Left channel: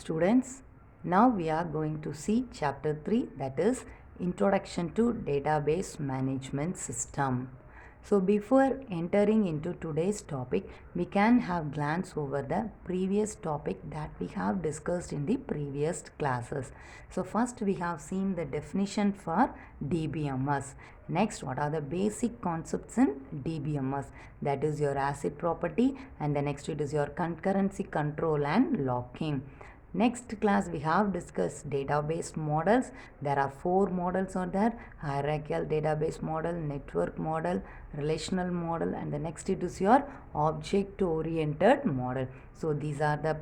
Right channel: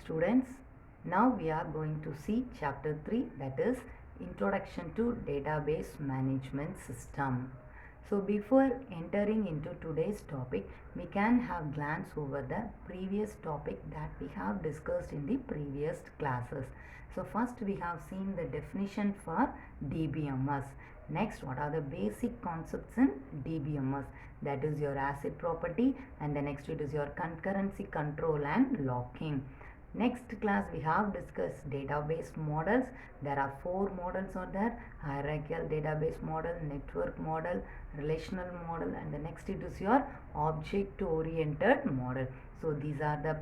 Students, now we are going to see chapter 3, that is Introduction to Database Management System. So before entering into today's topic, we can have glance over the previous topic that we have discussed in the previous classes. So first we have seen the definition for DBMS. Next, what are the basic concepts in DBMS? That is your ACID property, and the next it is your concurrency control and locking. Next class we have discussed database models. There are 4 models are there: hierarchical database model, network model, relational model, and the next it is your object oriented model. So these are the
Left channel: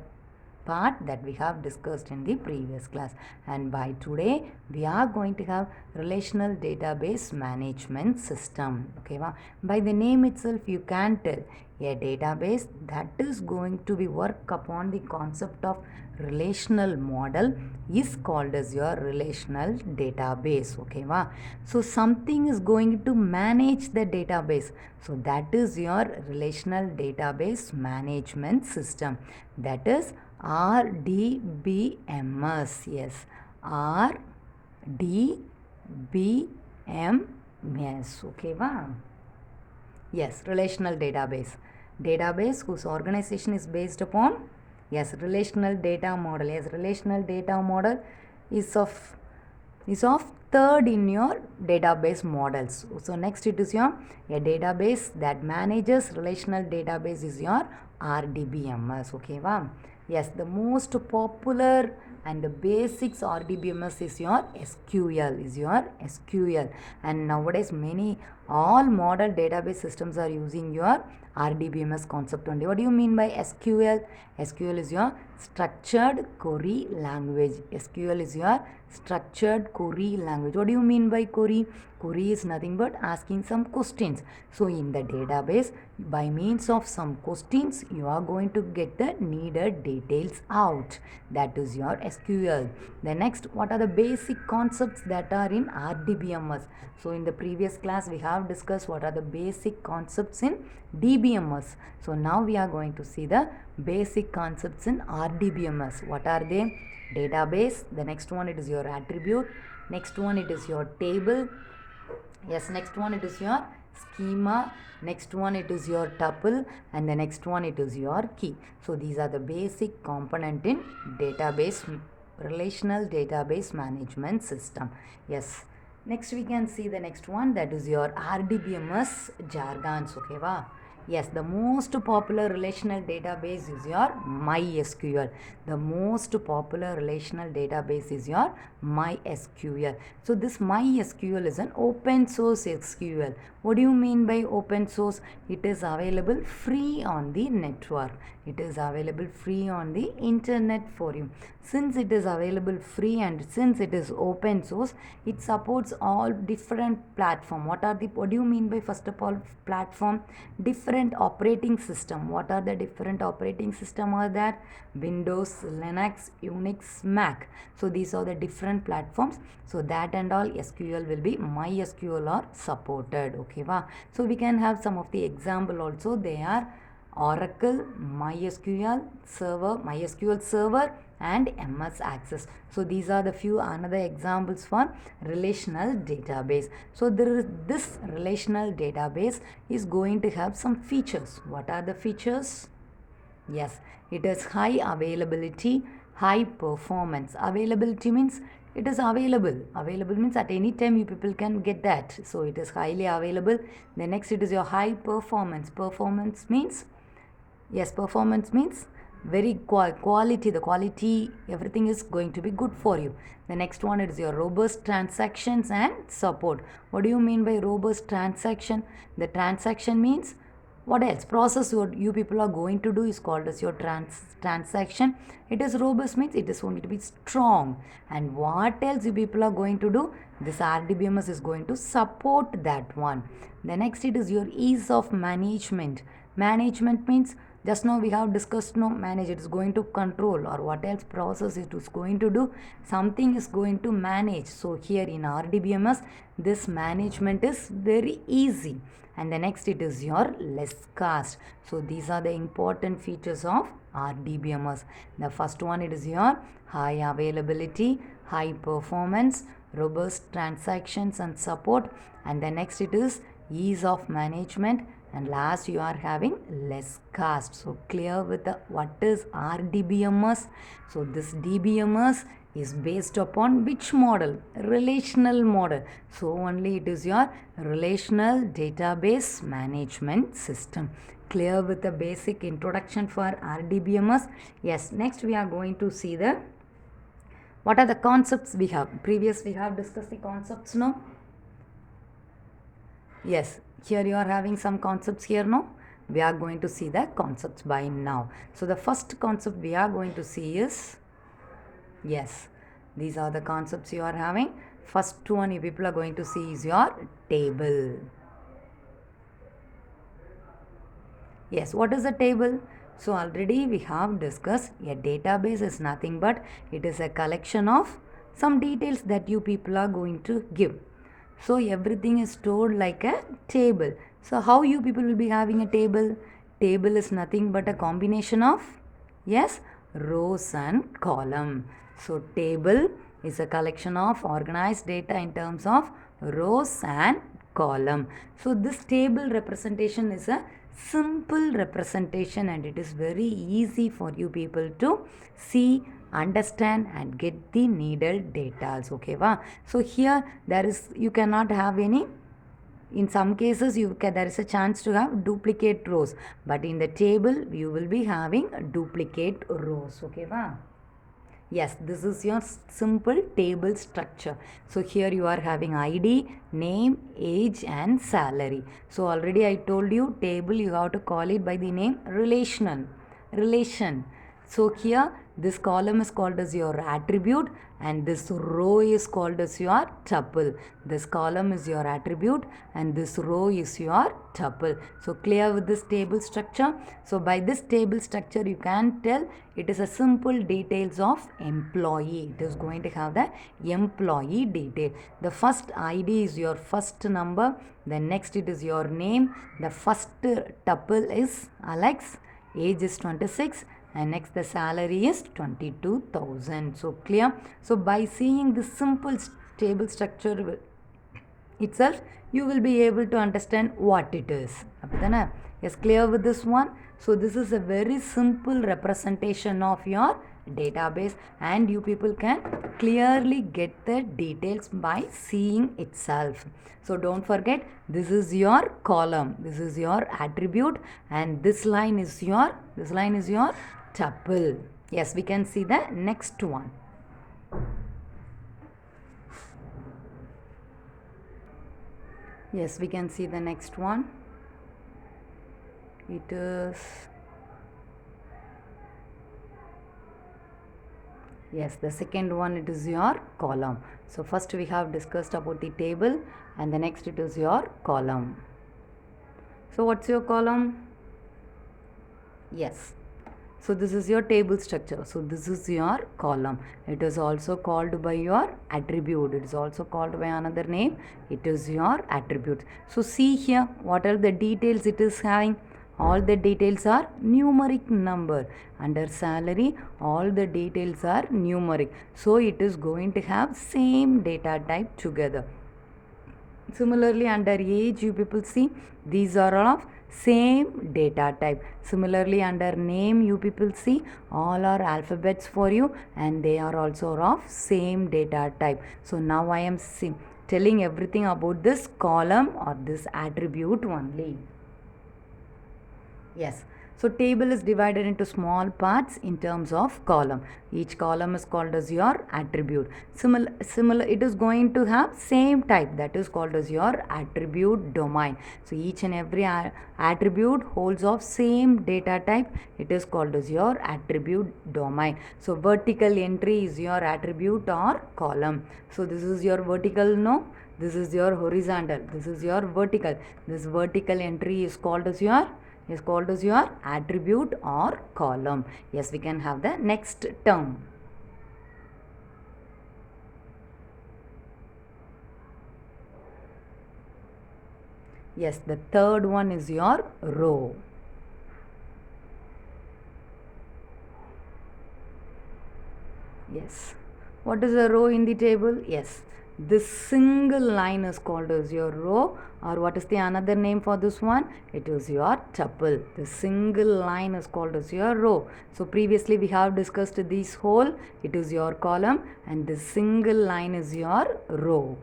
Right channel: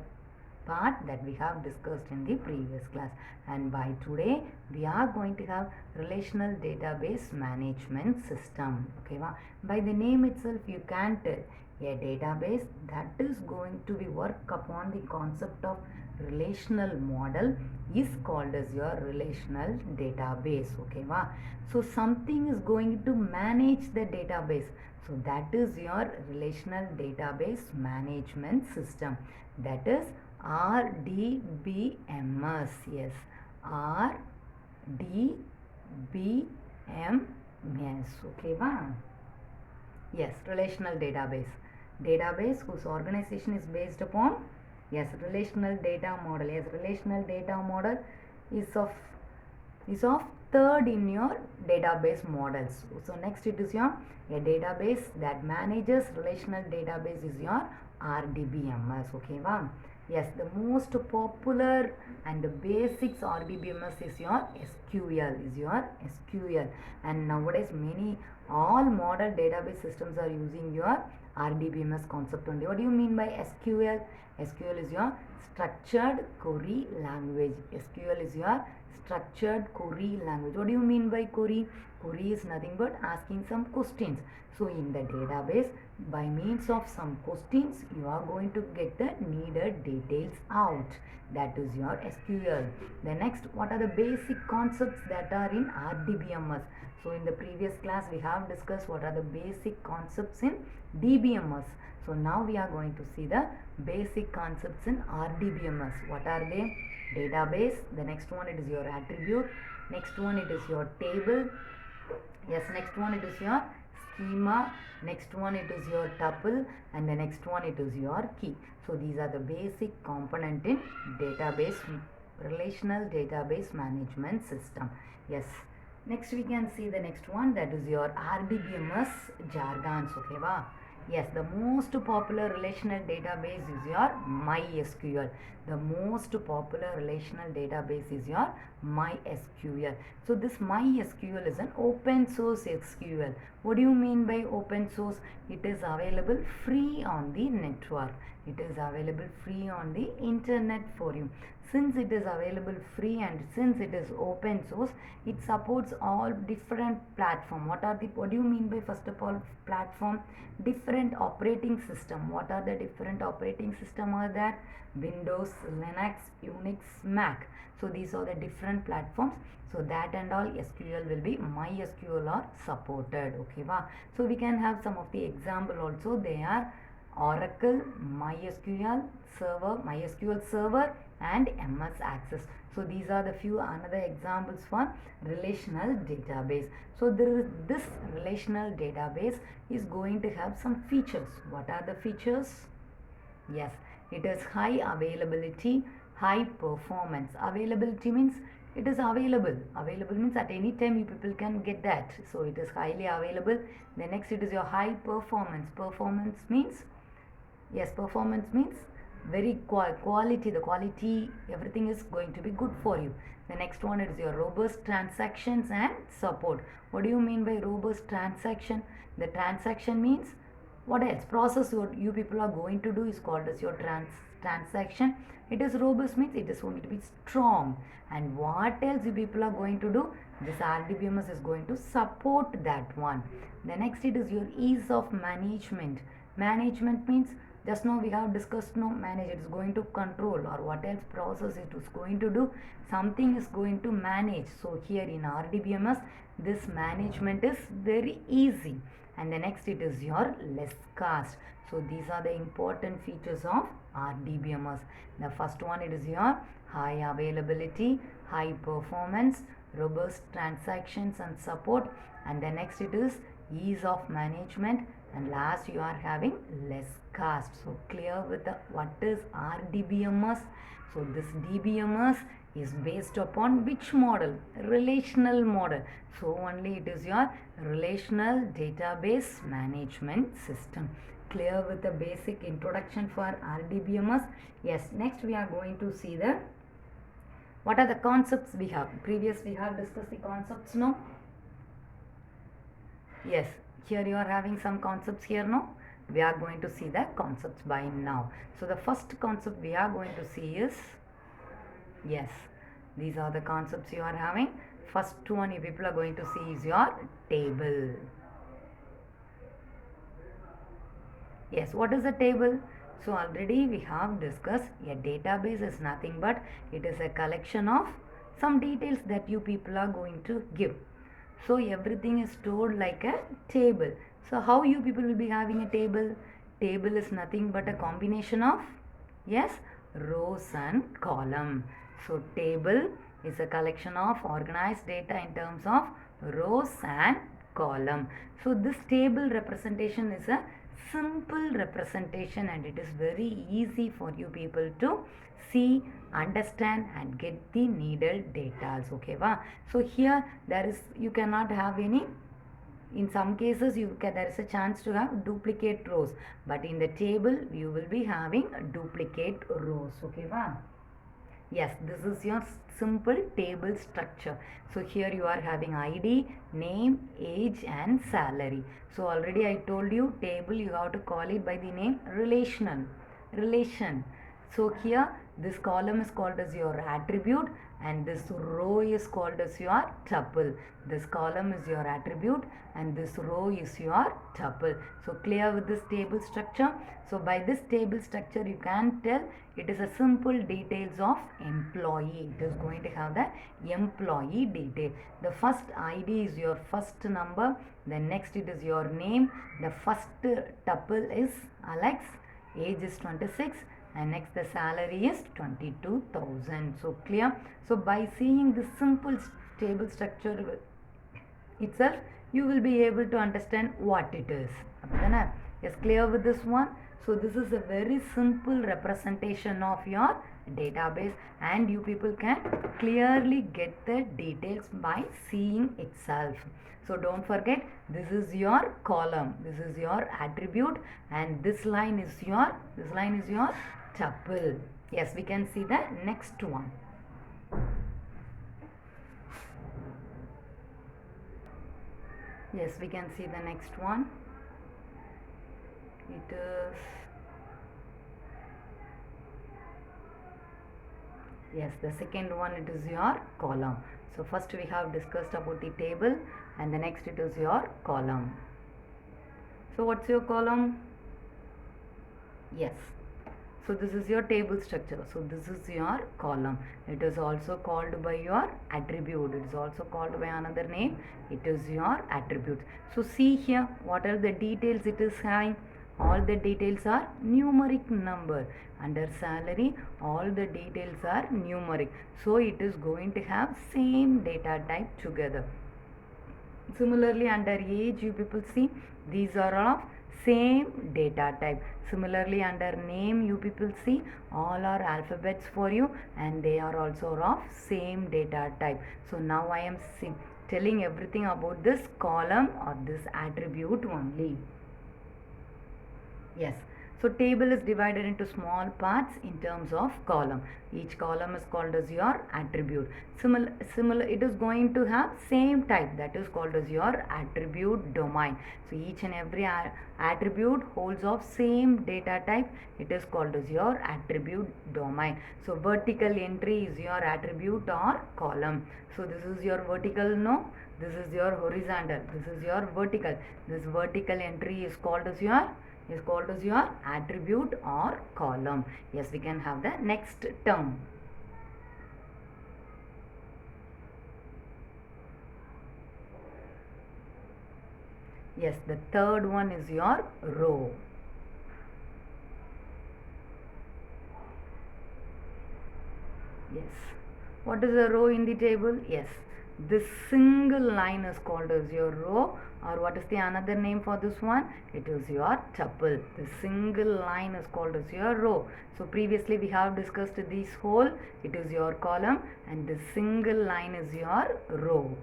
part that we have discussed in the previous class, and by today we are going to have relational database management system. Okay, by the name itself you can tell a database that is going to be work upon the concept of relational model is called as your relational database. Okay, so something is going to manage the database, so that is your relational database management system, that is RDBMS. Yes, RDBMS. Okay, yes, relational database whose organization is based upon, yes, relational data model. Yes, relational data model is of third in your database models. So next it is your a database that manages relational database is your RDBMS. Okay, yes, the most popular and the basics RDBMS is your SQL, and nowadays all model database systems are using your RDBMS concept only. What do you mean by SQL? SQL is your structured query language. SQL is your structured query language. What do you mean by query? Query is nothing but asking some questions. So in the database, by means of some questions, you are going to get the needed details out. That is your SQL. The next, what are the basic concepts that are in RDBMS? So in the previous class, we have discussed what are the basic concepts in DBMS. So now we are going to see the basic concepts in RDBMS. What are they? Database. The next one, it is your attribute. Next one, it is your table. Yes, next one it is your schema. Next one it is your tuple, and the next one it is your key. So these are the basic component in database, relational database management system. Yes, next we can see the next one, that is your RDBMS jargons. Okay, yes, the most popular relational database is your MySQL. The most popular relational database is your MySQL. So this MySQL is an open source SQL. What do you mean by open source? It is available free on the network. It is available free on the internet for you. Since it is available free and since it is open source, it supports all different platform. What do you mean by, first of all, platform? Different operating system. What are the different operating system are there? Windows, Linux, Unix, Mac. So these are the different platforms. So that and all SQL will be MySQL or supported. Okay, so we can have some of the example also. They are Oracle, MySQL Server and MS Access. So these are the few another examples for relational database. So this relational database is going to have some features. What are the features? Yes, it is high availability, high performance. Availability means it is available. Available means at any time you people can get that. So it is highly available. The next it is your high performance. Performance means, yes, performance means very quality. The quality, everything is going to be good for you. The next one is your robust transactions and support. What do you mean by robust transaction? The transaction means, what else? Process you people are going to do is called as your transaction. It is robust means it is going to be strong. And what else you people are going to do? This RDBMS is going to support that one. The next it is your ease of management. Management means Just now we have discussed, no, manage, it is going to control, or what else process it is going to do, something is going to manage. So here in RDBMS, this management is very easy. And the next, it is your less cost. So these are the important features of RDBMS. The first one, it is your high availability, high performance, robust transactions and support. And the next, it is ease of management, and last you are having less cost. So clear with the what is RDBMS. So this DBMS is based upon which model? Relational model. So only it is your relational database management system. Clear with the basic introduction for RDBMS. Yes, next we are going to see the what are the concepts we have. Previous we have discussed the concepts, no? Yes, here you are having some concepts here, no? We are going to see the concepts by now. So the first concept we are going to see is, yes, these are the concepts you are having. First one you people are going to see is your table. Yes, what is a table? So already we have discussed a database is nothing but it is a collection of some details that you people are going to give. So everything is stored like a table. So how you people will be having a table? Table is nothing but a combination of, yes, rows and column. So table is a collection of organized data in terms of rows and column. So this table representation is a simple representation, and it is very easy for you people to see, understand and get the needed data. Okay, va? So here there is, you cannot have any, in some cases there is a chance to have duplicate rows, but in the table you will be having duplicate rows. Okay, va? Yes, this is your simple table structure. So here you are having ID, name, age and salary. So already I told you table you have to call it by the name relational. Relation. So here this column is called as your attribute, and this row is called as your tuple. This column is your attribute and this row is your tuple. So clear with this table structure. So by this table structure you can tell it is a simple details of employee. It is going to have the employee detail. The first ID is your first number. Then next it is your name. The first tuple is Alex. Age is 26. And next the salary is 22,000. So clear. So by seeing this simple table structure itself, you will be able to understand what it is. Yes, clear with this one. So this is a very simple representation of your database, and you people can clearly get the details by seeing itself. So don't forget, this is your column, this is your attribute, and this line is your tuple. Yes, we can see the next one. Yes, we can see the next one. It is, yes, the second one, it is your column. So first we have discussed about the table, and the next it is your column. So what's your column? Yes. So this is your table structure. So this is your column. It is also called by your attribute. It is also called by another name. It is your attribute. So see here, what are the details it is having? All the details are numeric number. Under salary, all the details are numeric. So it is going to have same data type together. Similarly, under age, you people see, these are of same data type. Similarly, under name, you people see, all are alphabets for you, and they are also of same data type. So now I am telling everything about this column or this attribute only. Yes. So table is divided into small parts in terms of column. Each column is called as your attribute. Similar, it is going to have same type, that is called as your attribute domain. So each and every attribute holds of same data type. It is called as your attribute domain. So vertical entry is your attribute or column. So this is your vertical, no? This is your horizontal. This is your vertical. This vertical entry is called as your, is called as your attribute or column. Yes, we can have the next term. Yes, the third one is your row. Yes. What is a row in the table? Yes. This single line is called as your row, or what is the another name for this one? It is your tuple. The single line is called as your row. So previously we have discussed this whole, it is your column, and the single line is your row.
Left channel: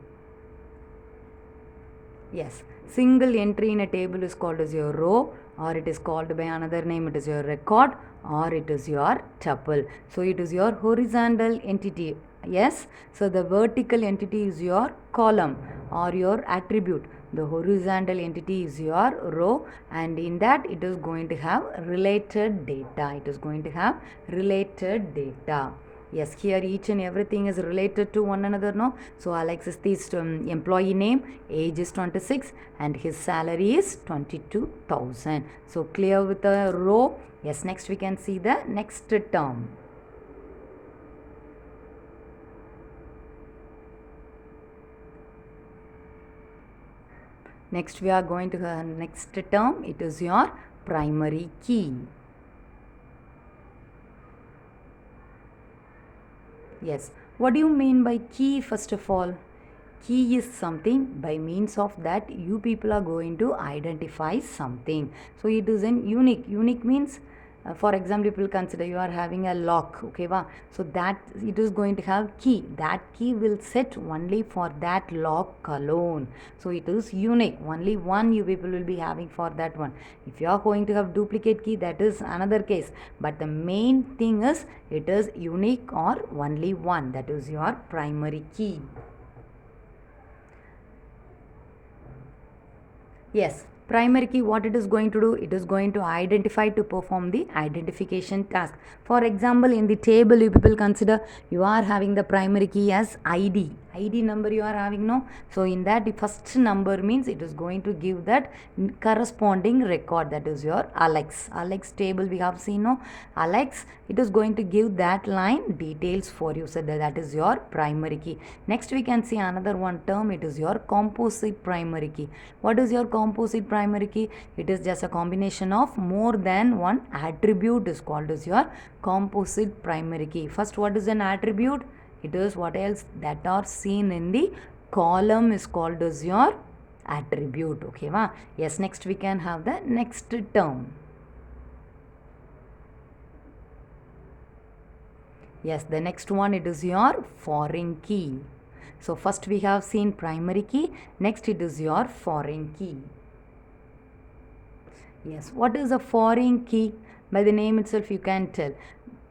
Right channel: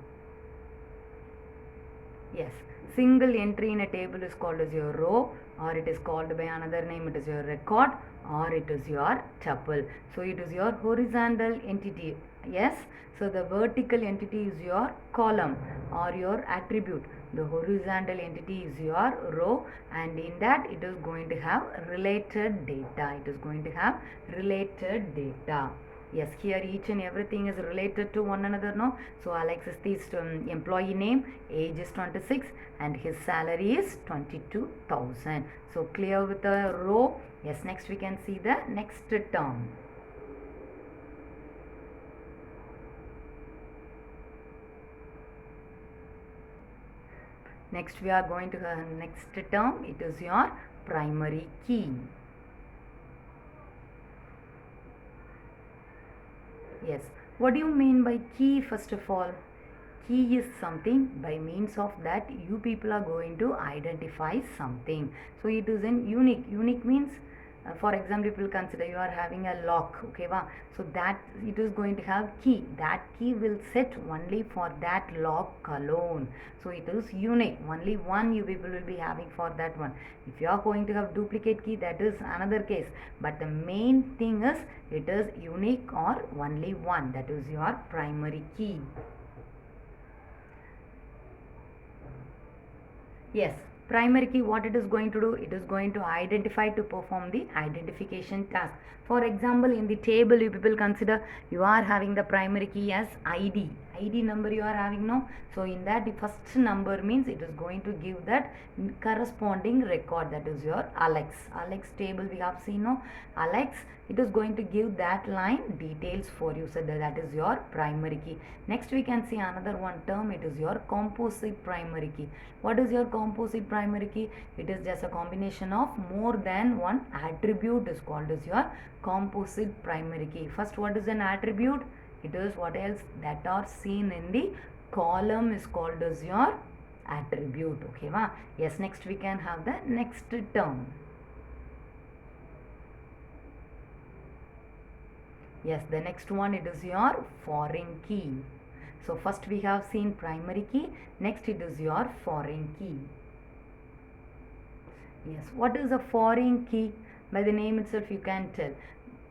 Yes, single entry in a table is called as your row, or it is called by another name, it is your record, or it is your tuple. So it is your horizontal entity. Yes, so the vertical entity is your column or your attribute. The horizontal entity is your row, and in that it is going to have related data. It is going to have related data. Yes, here each and everything is related to one another, no? So Alex is the employee name, age is 26, and his salary is 22,000. So clear with the row. Yes, next we can see the next term. Next we are going to the next term. It is your primary key. Yes. What do you mean by key first of all? Key is something by means of that you people are going to identify something. So it is an unique. Unique means for example, people consider you are having a lock, okay va? So that it is going to have key. That key will set only for that lock alone. So it is unique. Only one you people will be having for that one. If you are going to have duplicate key, that is another case. But the main thing is it is unique or only one. That is your primary key. Yes, primary key, what it is going to do? It is going to identify to perform the identification task. For example, in the table you people consider you are having the primary key as ID. ID number you are having, no? So in that the first number means it is going to give that corresponding record, that is your Alex. Alex table we have seen, no? Alex, it is going to give that line details for you. So that is your primary key. Next we can see another one term, it is your composite primary key. What is your composite primary key? It is just a combination of more than one attribute is called as your composite primary key. First, what is an attribute? It is what else that are seen in the column is called as your attribute. Okay, va? Yes, next we can have the next term. Yes, the next one, it is your foreign key. So first we have seen primary key, next it is your foreign key. Yes, what is a foreign key? By the name itself you can tell.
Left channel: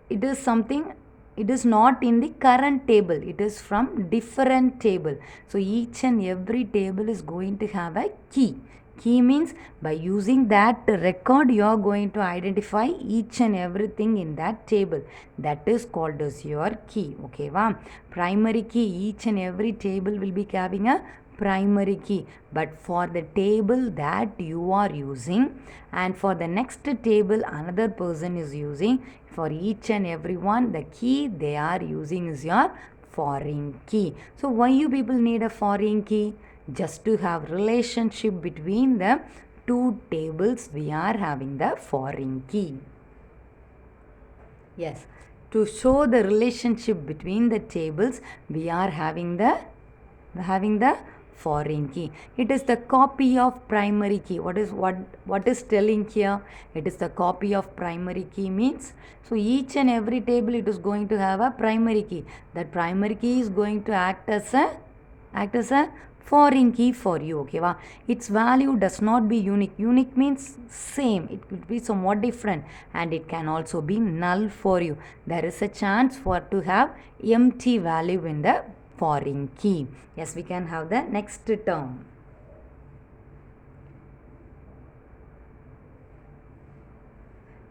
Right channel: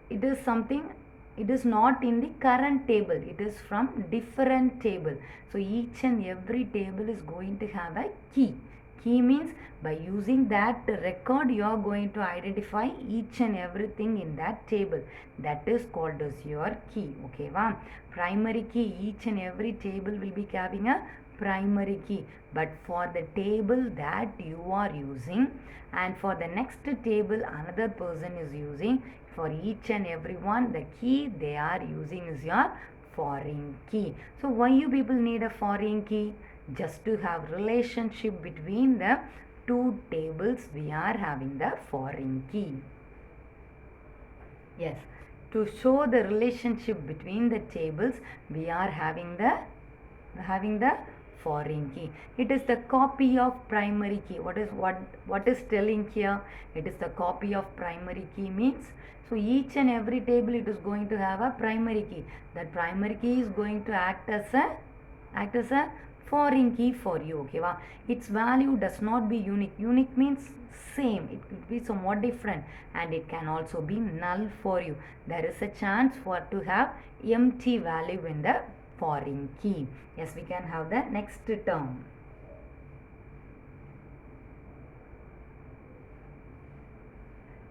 It is something, it is not in the current table, it is from different table. So each and every table is going to have a key. Key means by using that record you are going to identify each and everything in that table. That is called as your key. Okay, wow. Primary key, each and every table will be having a primary key, but for the table that you are using and for the next table another person is using, for each and every one the key they are using is your foreign key. So why you people need a foreign key? Just to have relationship between the two tables we are having the foreign key. Yes, to show the relationship between the tables we are having the foreign key. It is the copy of primary key. What is telling here? It is the copy of primary key means, so each and every table it is going to have a primary key. That primary key is going to act as a foreign key for you. Okay, wow. Its value does not be unique. Unique means same, it could be somewhat different, and it can also be null for you. There is a chance for to have empty value in the foreign key. Yes, we can have the next term.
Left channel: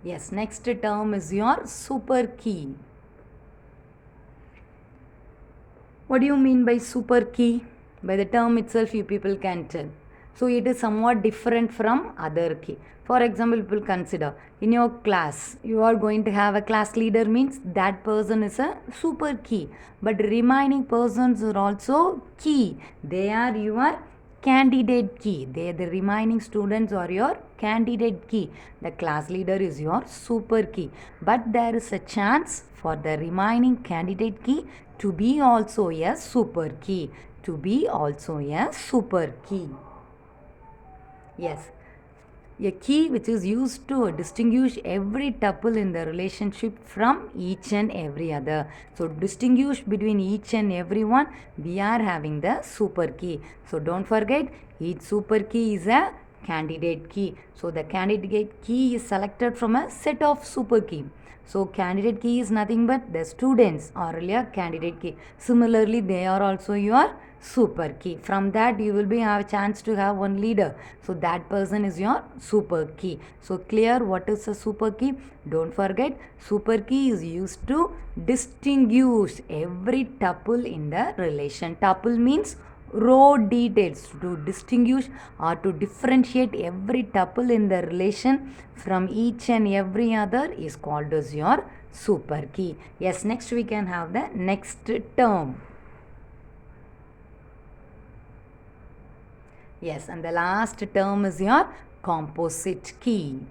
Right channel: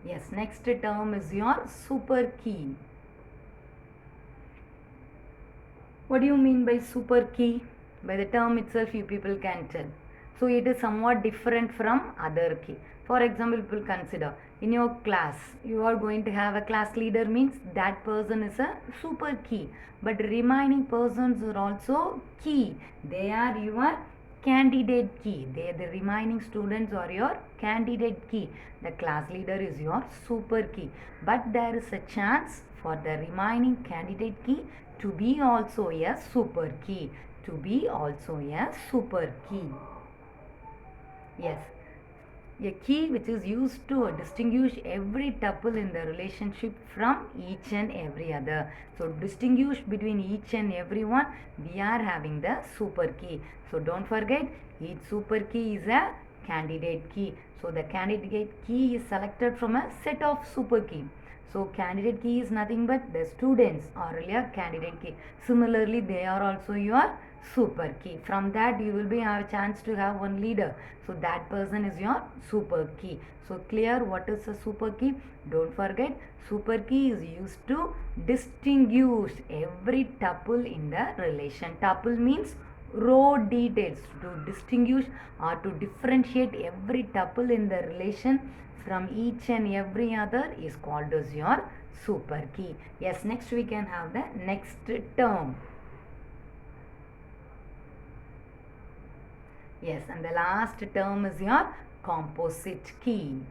Yes, next term is your super key. What do you mean by super key? By the term itself you people can tell. So it is somewhat different from other key. For example, people consider in your class you are going to have a class leader, means that person is a super key, but remaining persons are also key. They are your candidate key. They, the remaining students are your candidate key. The class leader is your super key, but there is a chance for the remaining candidate key to be also a super key, to be also a super key. Yes, a key which is used to distinguish every tuple in the relationship from each and every other. So distinguish between each and every one, we are having the super key. So don't forget, each super key is a candidate key. So the candidate key is selected from a set of super key. So candidate key is nothing but the students are your candidate key. Similarly, they are also your super key. From that you will be have a chance to have one leader. So that person is your super key. So clear what is a super key? Don't forget, super key is used to distinguish every tuple in the relation. Tuple means row details. To distinguish or to differentiate every tuple in the relation from each and every other is called as your super key. Yes, next we can have the next term. Yes, and the last term is your composite key.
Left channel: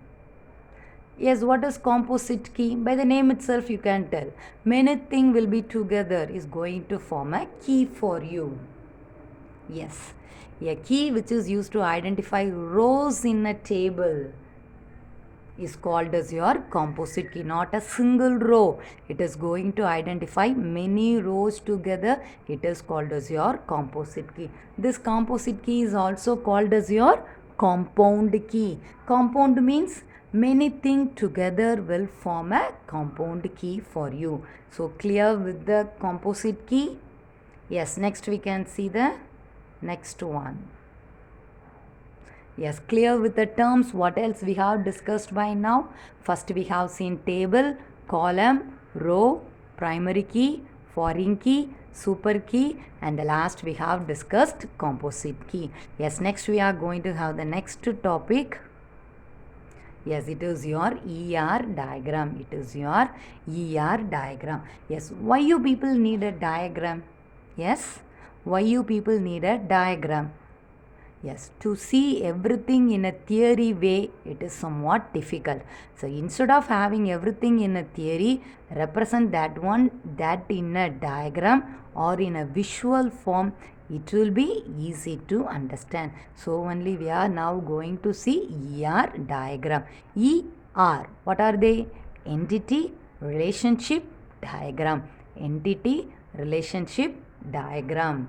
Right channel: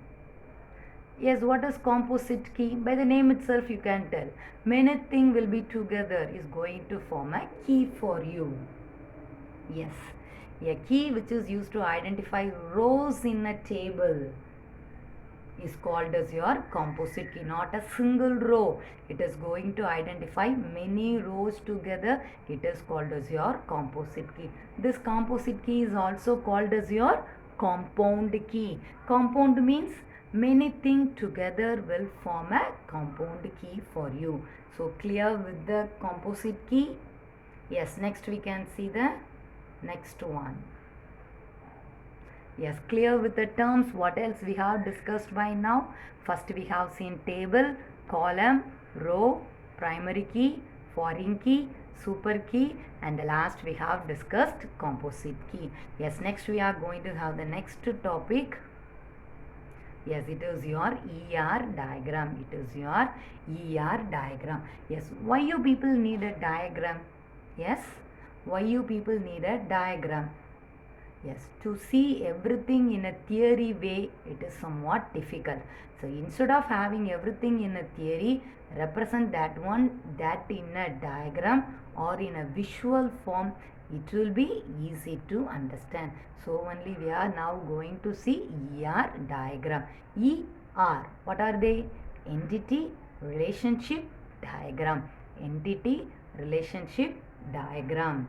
Yes, what is composite key? By the name itself you can tell. Many things will be together is going to form a key for you. Yes, a key which is used to identify rows in a table is called as your composite key. Not a single row, it is going to identify many rows together, it is called as your composite key. This composite key is also called as your compound key. Compound means many things together will form a compound key for you. So clear with the composite key? Yes, next we can see the next one. Yes, clear with the terms. What else we have discussed by now? First we have seen table, column, row, primary key, foreign key, super key, and the last we have discussed composite key. Yes, next we are going to have the next topic. Yes, it is your ER diagram. It is your ER diagram. Yes, why you people need a diagram? Yes, why you people need a diagram? Yes, to see everything in a theory way, it is somewhat difficult. So instead of having everything in a theory, represent that in a diagram or in a visual form, it will be easy to understand. So only we are now going to see ER diagram. ER, what are they? Entity, relationship, diagram. Entity, relationship, diagram.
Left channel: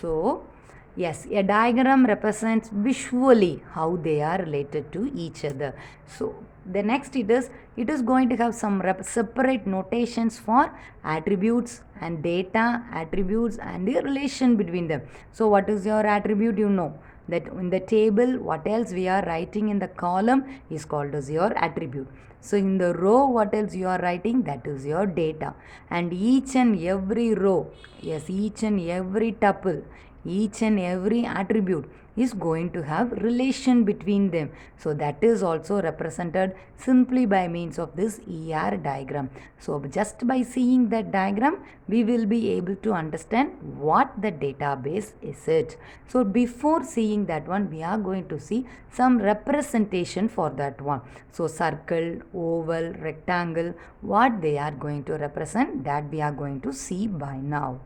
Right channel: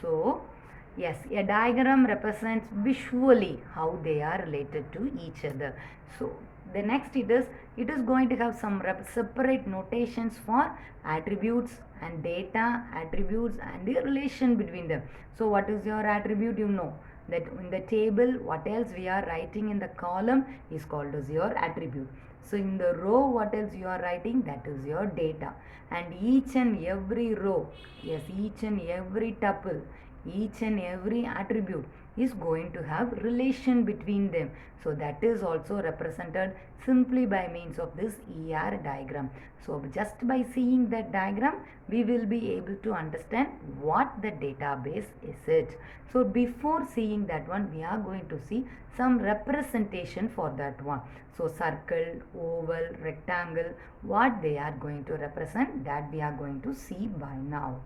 So yes, a diagram represents visually how they are related to each other. So the next it is going to have some separate notations for attributes and data, attributes and the relation between them. So what is your attribute? You know that in the table what else we are writing in the column is called as your attribute. So in the row what else you are writing, that is your data. And each and every row, yes, each and every tuple, each and every attribute is going to have relation between them. So that is also represented simply by means of this ER diagram. So just by seeing that diagram, we will be able to understand what the database is it. So before seeing that one, we are going to see some representation for that one. So circle, oval, rectangle, what they are going to represent, that we are going to see by now.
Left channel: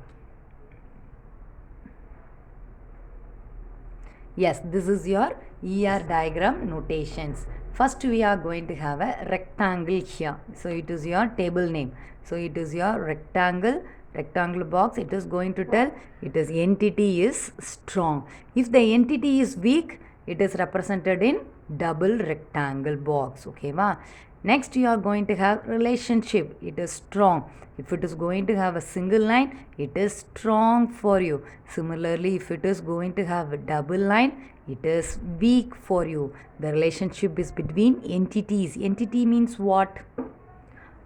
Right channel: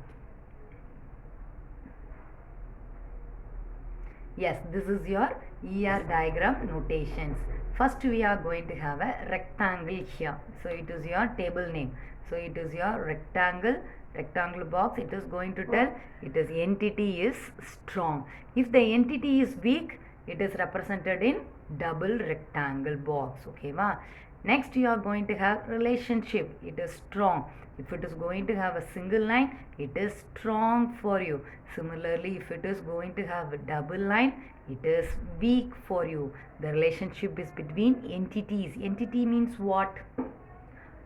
Yes, this is your ER diagram notations. First we are going to have a rectangle here. So it is your table name. So it is your rectangle box. It is going to tell it is entity is strong. If the entity is weak, it is represented in double rectangle box. Okay, ma? Next you are going to have relationship. It is strong. If it is going to have a single line, it is strong for you. Similarly, if it is going to have a double line, it is weak for you. The relationship is between entities. Entity means what?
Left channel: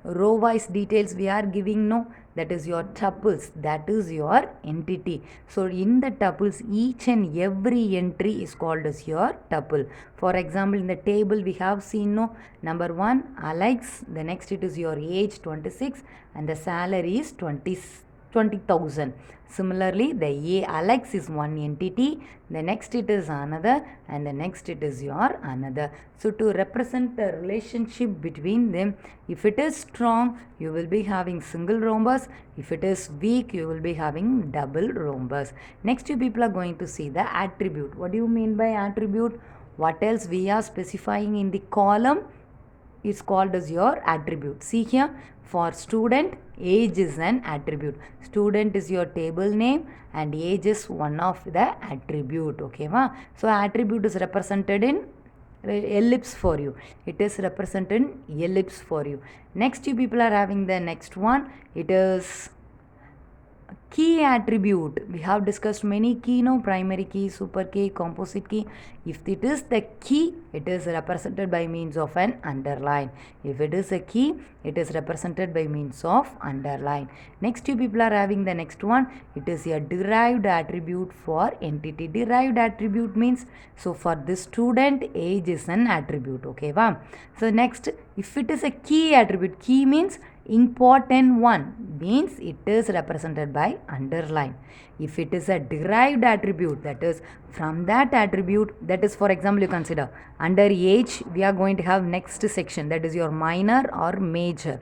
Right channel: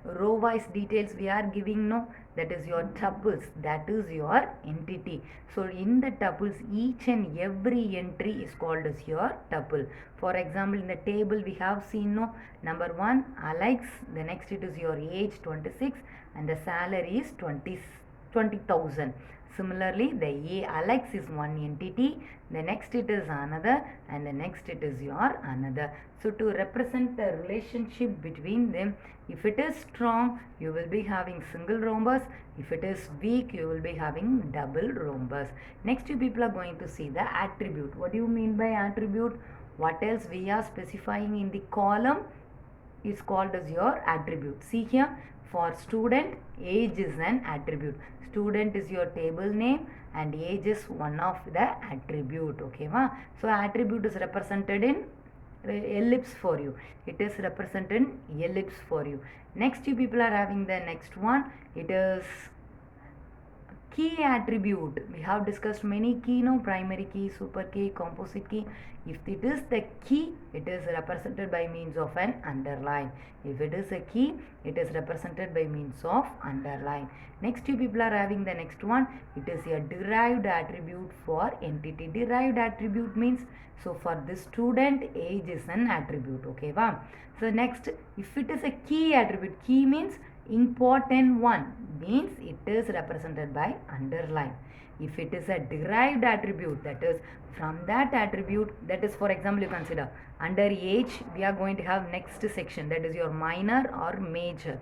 row wise details we are giving, no, that is your tuples, that is your entity. So in the tuples, each and every entry is called as your tuple. For example, in the table we have seen, no, number 1 Alex, the next it is your age 26 and the salary is 20,000. Similarly, the A Alex is one entity, the next it is another, and the next it is your another. So to represent the relationship between them, if it is strong, you will be having single rhombus. If it is weak, you will be having double rhombus. Next, you people are going to see the attribute. What do you mean by attribute? What else we are specifying in the column is called as your attribute. See here, for student, age is an attribute. Student is your table name and age is one of the attribute. Okay, ma? So attribute is represented in ellipse for you. It is represented in ellipse for you. Next, you people are having the next one. It is key attribute. We have discussed many key, no, primary key, super key, composite key. If it is the key, it is represented by means of an underline. If it is a key, it is represented by means of underline. Next, you people are having the next one. It is a derived attribute for entity. Derived attribute means, so for this student, age is an attribute. Okay, wow. So next, if it is a key attribute, key means important one, means it is represented by underline. If it is a derived attribute, that is from that attribute, that is, for example, you consider under age we are going to have next section, that is your minor or major.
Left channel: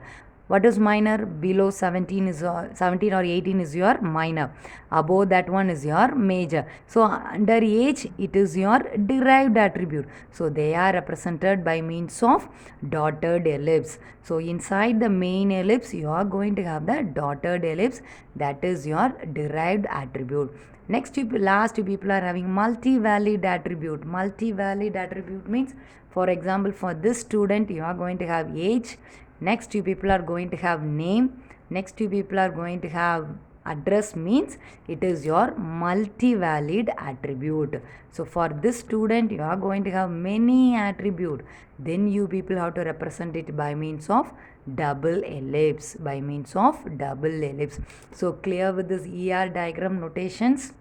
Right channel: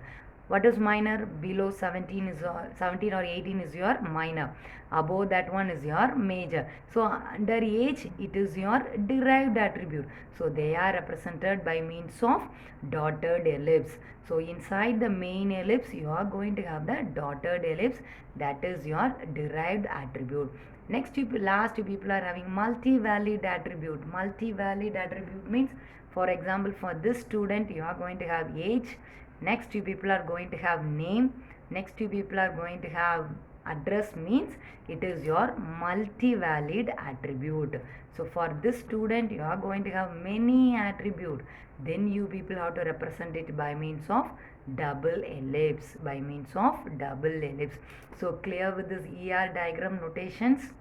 What is minor? Below 17 is 17 or 18 is your minor. Above that one is your major. So under age it is your derived attribute. So they are represented by means of dotted ellipse. So inside the main ellipse you are going to have the dotted ellipse, that is your derived attribute. Next, last two people are having multi-valid attribute. Multi-valid attribute means, for example, for this student you are going to have age. Next, you people are going to have name. Next, you people are going to have address, means it is your multi-valid attribute. So for this student you are going to have many attribute. Then you people have to represent it by means of double ellipse. By means of double ellipse. So clear with this ER diagram notations?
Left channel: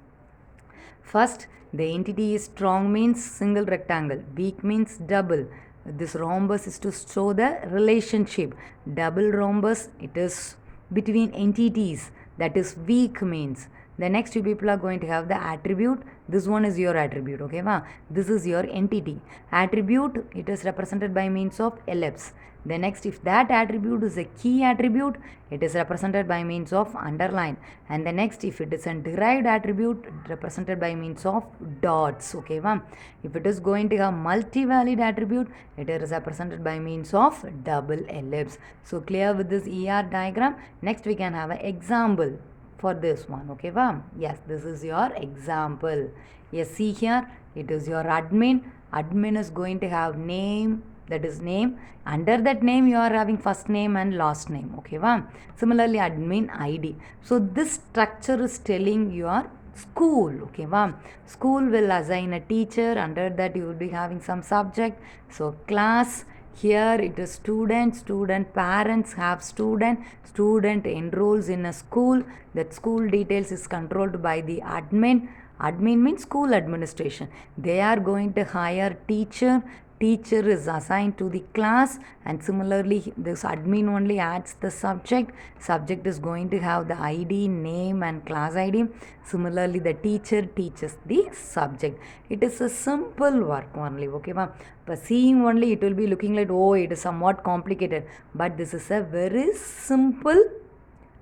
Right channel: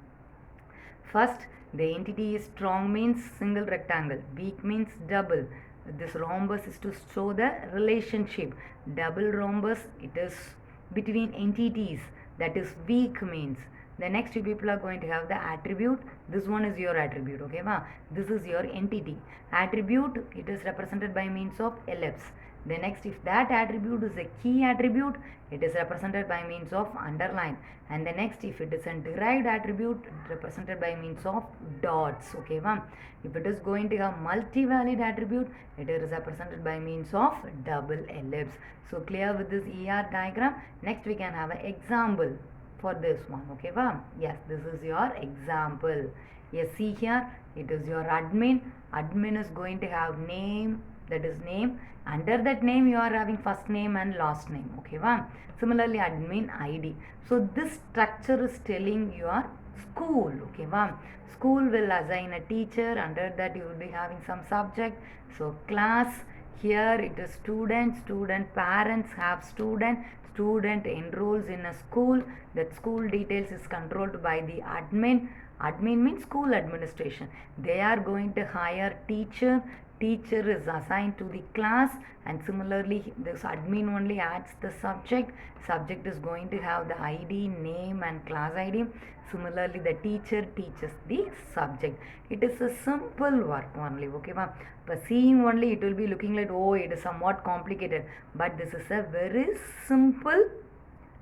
First, the entity is strong means single rectangle. Weak means double. This rhombus is to show the relationship. Double rhombus, it is between entities, that is weak means. The next two people are going to have the attribute. This one is your attribute. Okay, ma? This is your entity. Attribute, it is represented by means of ellipse. The next, if that attribute is a key attribute, it is represented by means of underline. And the next, if it is a derived attribute, represented by means of dots. Okay, ma'am. If it is going to have multi-valid attribute, it is represented by means of double ellipse. So clear with this ER diagram. Next, we can have an example for this one. Okay, ma'am. Yes, this is your example. Yes, see here, it is your admin. Admin is going to have name, that is name. Under that name you are having first name and last name. Okay, wow. Similarly, admin ID. So this structure is telling your school. Okay, wow. School will assign a teacher. Under that you will be having some subject. So class, here it is student. Student parents have student. Student enrolls in a school. That school details is controlled by the admin. Admin means school administration. They are going to hire teacher. Teacher is assigned to the class, and similarly this admin only adds the subject. Subject is going to have the ID, name and class ID. Similarly, the teacher teaches the subject. It is a simple work only. Okay, ma'am. But seeing only it will be looking like, oh, it is somewhat complicated. But this is a very simple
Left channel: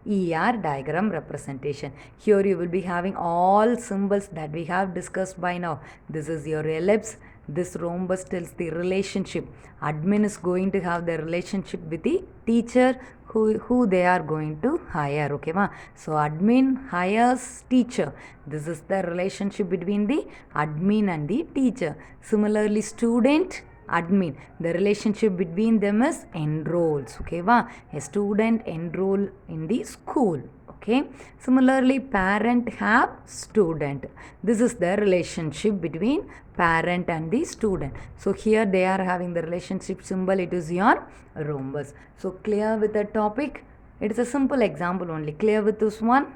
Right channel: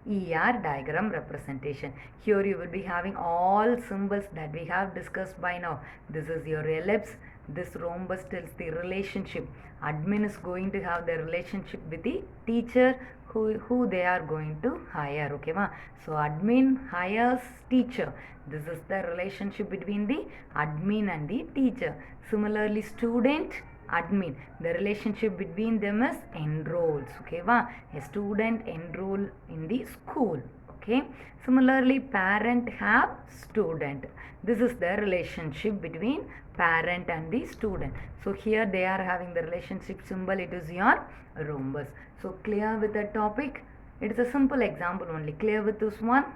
ER diagram representation. Here you will be having all symbols that we have discussed by now. This is your ellipse. This rhombus tells the relationship. Admin is going to have the relationship with the teacher who they are going to hire. Okay, ma? So admin hires teacher. This is the relationship between the admin and the teacher. Similarly, student, admin, the relationship between them is enrolls. Okay, va? A student enroll in the school. Okay. Similarly, parent have student. This is the relationship between parent and the student. So here they are having the relationship symbol. It is your rhombus. So clear with the topic? It is a simple example only. Clear with this one?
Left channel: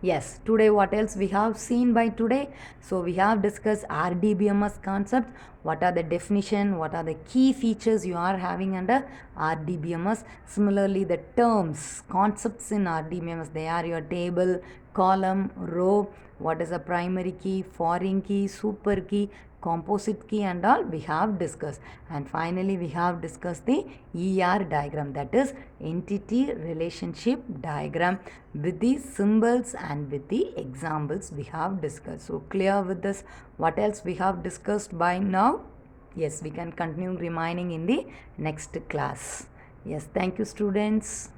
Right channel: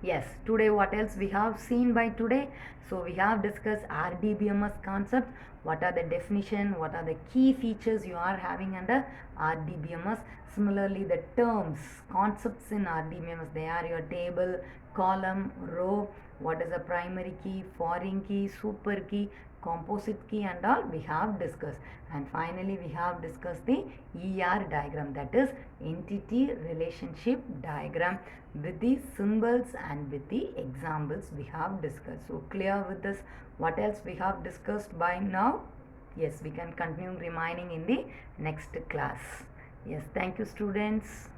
Yes, today what else we have seen by today? So we have discussed RDBMS concept. What are the definition? What are the key features you are having under RDBMS? Similarly, the terms, concepts in RDBMS, they are your table, column, row. What is a primary key, foreign key, super key, composite key and all we have discussed. And finally we have discussed the ER diagram, that is entity relationship diagram, with the symbols and with the examples we have discussed. So clear with this? What else we have discussed by now? Yes, we can continue remaining in the next class. Yes, thank you students.